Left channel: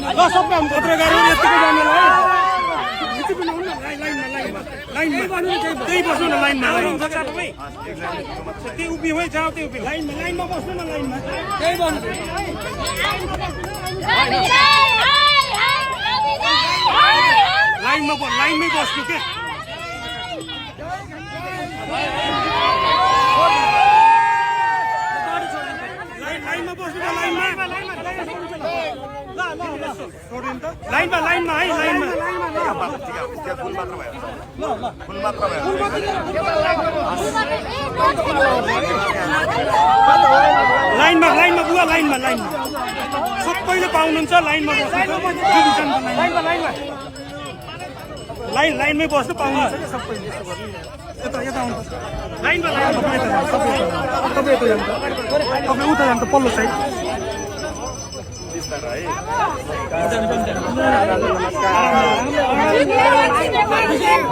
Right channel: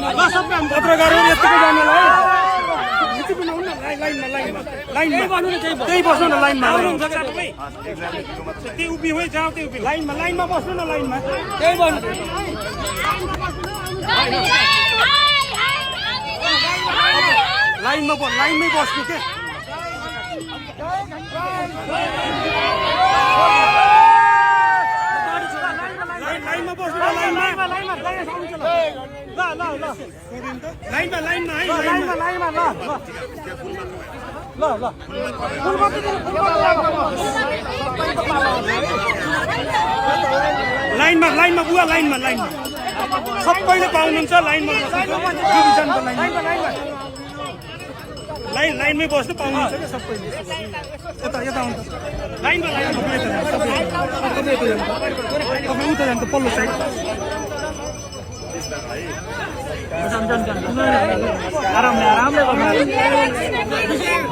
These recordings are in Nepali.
पत्रकारहरू यतिकै जानेलाई यति पनि हुन्न लाइनमा त्यही बस्नु न लाइनमा त्यही उभियो जाऊ त्यही उभियो लाइनमा बस्नु न लाइनमा त्यही बस्नु लाइनमै बस्नु के लाइनमा बस्नु न लाइनमा लाइनमा है लाइनमा बुवा लाइनमा सबैले पाउनुहुन्छ लाइनमा बस्नुहुन्छ लाइनमै बस्नु पाउनुहुन्छ क्या सबैले यता आउनु लाइनमा तपाईँ उता जान्छ पल्लो साइड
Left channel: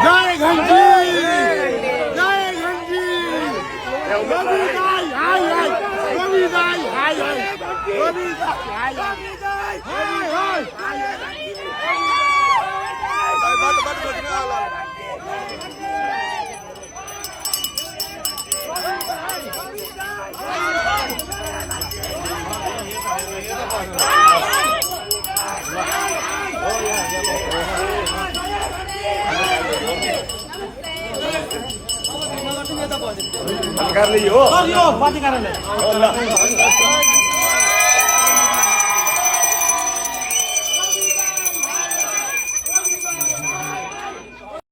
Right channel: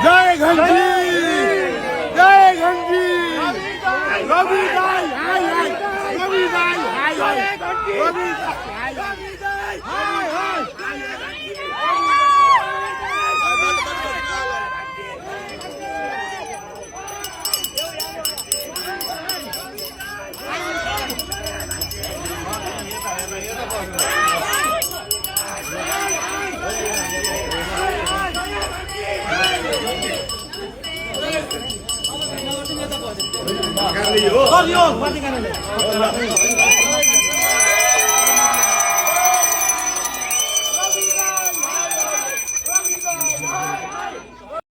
जय घन्टी जय घन्टी रवि दाई हाय हाय रवि दाई हाय हाय रवि दाई हाय हाय हो